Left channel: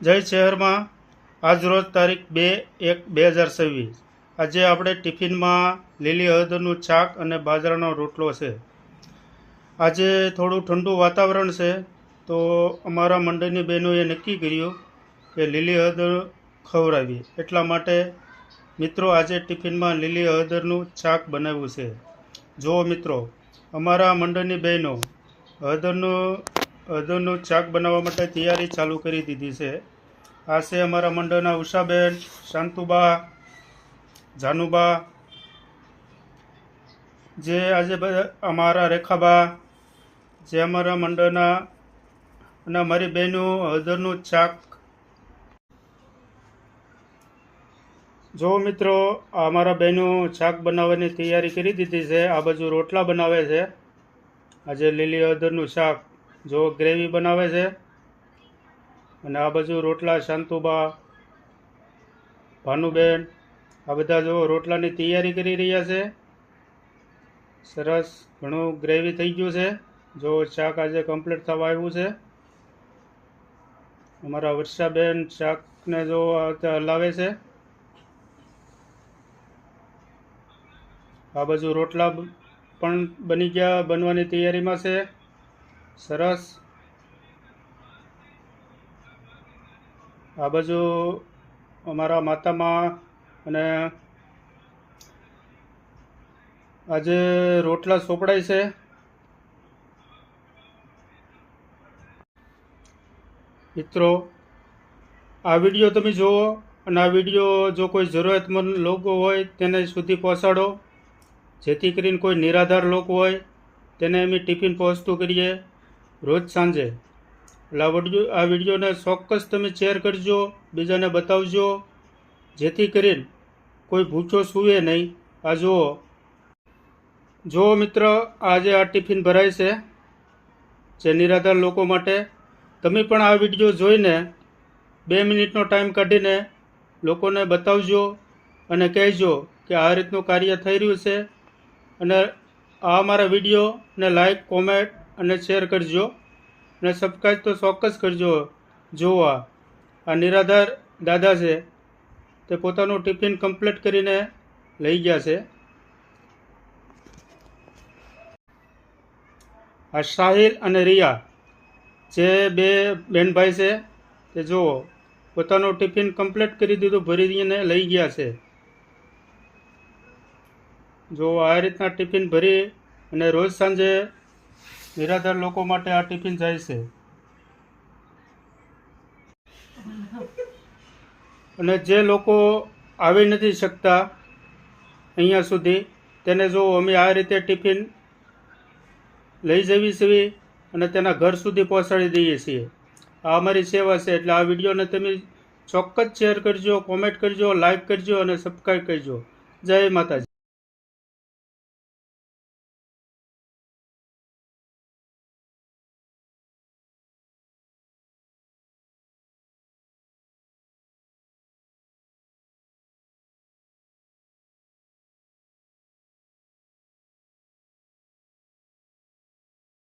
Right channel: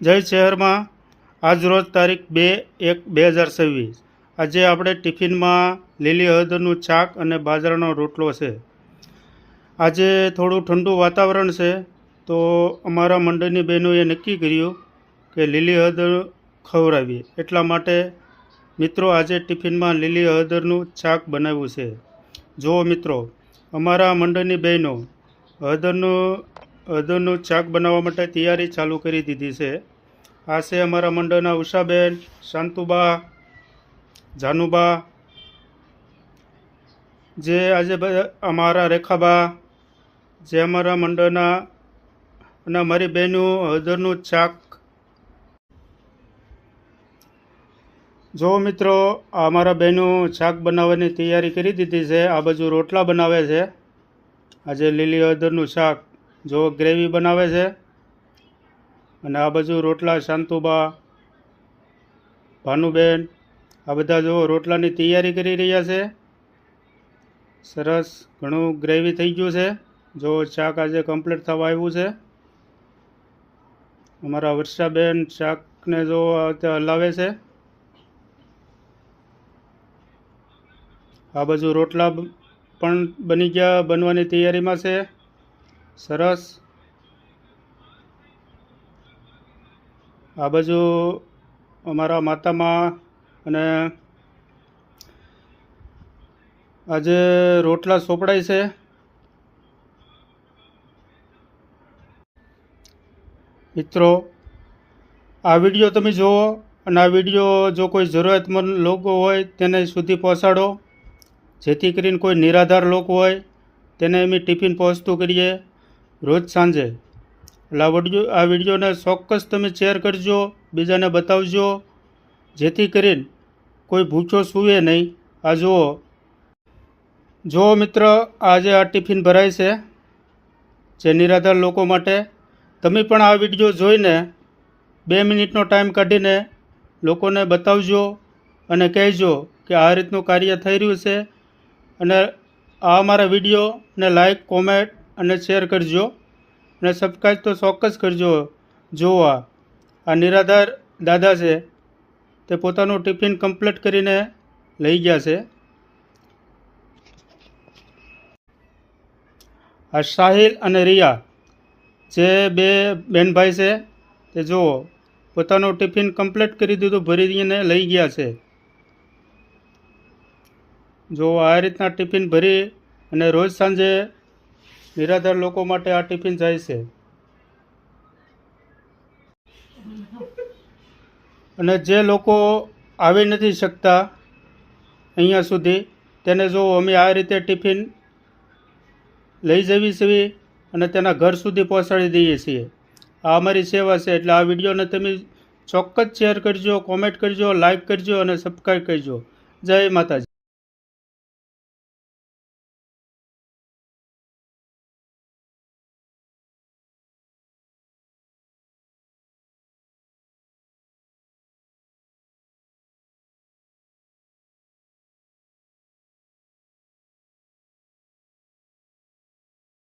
જય શહેરમાં આજરોજ તારીખ 2/1/2026 આજે આપણે ટિફિનમાં લીલી હળદરનું શાક અને બાજરાનો રોટલો છે। આજે થોડું ઠંડુ વાતાવરણ છે તો અમારા મંડળની બહેનોએ નક્કી કર્યું કે લીલી હળદર ખવડાવીએ, એટલા માટે મિત્રો આજે ટિફિનમાં લીલી હળદરનું શાક બનાવ્યું છે। જો મિત્રો, અમારા મંડળની બહેનો હળદરનું શાક બનાવવા માટે તૈયારી ચાલુ કરી દીધી છે। આ છે અમારા મંડળના ઉષાબેન, શાંતુબા, જાનુબા, જે આજે અમારા રેખાબા, જે અમારા મંડળના અને અમારી બહેનો હળદરનું શાક। જો મિત્રો, અમારા બહેનો શાક બનાવવાની તૈયારી કરી દીધી છે। આ બાજુ રોટલા બનાવે છે। આજે લીલી હળદરનું શાક જો ગ્રેવી બનાવે છે, અને આ બાજુ રોટલા શાંતુબા, ભાનુબેન, આ બધા જો રોટલાની તૈયારી કરી રહ્યા છે। સરસ ઘણું ગ્રેવી થઈ ગયું છે। જો શાક આજે કમ્પ્લીટ થવા આવ્યું છે। અમારા વર્ષાબેન શાકને જો હલાવે છે। આ બાજુ રોટલા પણ બનવાની તૈયારીમાં છે। સરસ। આ બાજુ અમારા માતામાં અને આજે રોટલા સોપડાય છે। મિત્રો, આ વિડીયો તમે જુઓ અને આ વિડીયો જો કોઈ જરૂરિયાતમંદ લોકો હોય તેને સુધી પહોંચાડો, જેથી કરીને કોઈ નિરાધાર લોકો હોય તેને અમે ટિફિન પહોંચતું કરીએ રોજ સાંજે। એટલે આ વિડીયોને ચોક્કસ તમે શેર કરજો, બીજાને બતાવજો, જેથી કરીને કોઈ ભૂખ્યો સૂવે નહીં। આ જુઓ મિત્ર, આજે આ ટિફિન ભરાય છે જે નિરાધાર લોકો માટે। તમે પણ આ વિડીયો જોઈને 2 મિનિટનો ટાઈમ કાઢીને લોકોને બતાવજો અને કહેજો કે આ રીતનું કાર્ય થઈ રહ્યું છે, અને આ અમારા વિડીયોને લાઈક, કોમેન્ટ અને શેર કરજો, અને સબસ્ક્રાઈબ તો ચોક્કસ કરજો। જો આ નિરાધાર દાદા છે તે પોતાનું ટિફિન કમ્પ્લીટ કરીને લઈ ગયા છે। આ સાહિલ અને રિયા જે બે બહેનભાઈ છે તે જુઓ પોતાનું ટિફિન કમ્પ્લીટ કરી દીધું, ભરીને લઈ ગયા છે। જો આ રીતના ટિફિન ભરી અને રોજ સાંજે નિરાધાર લોકો માટે આ ટિફિન જાય છે। અને જે લોકો આવી નથી શકતા અહીંયા સુધી, તેને જો અમે આ રીતે ટિફિન લઈ જવી છીએ અને તેના ઘર સુધી પહોંચાડી દઈએ છીએ। આ અમારી સેવા છે। એટલે આ વિડીયોને તમે ચોક્કસ શેર કરજો, કોમેન્ટ કરજો, લાઈક કરજો અને સબસ્ક્રાઈબ કરજો। જય માતાજી।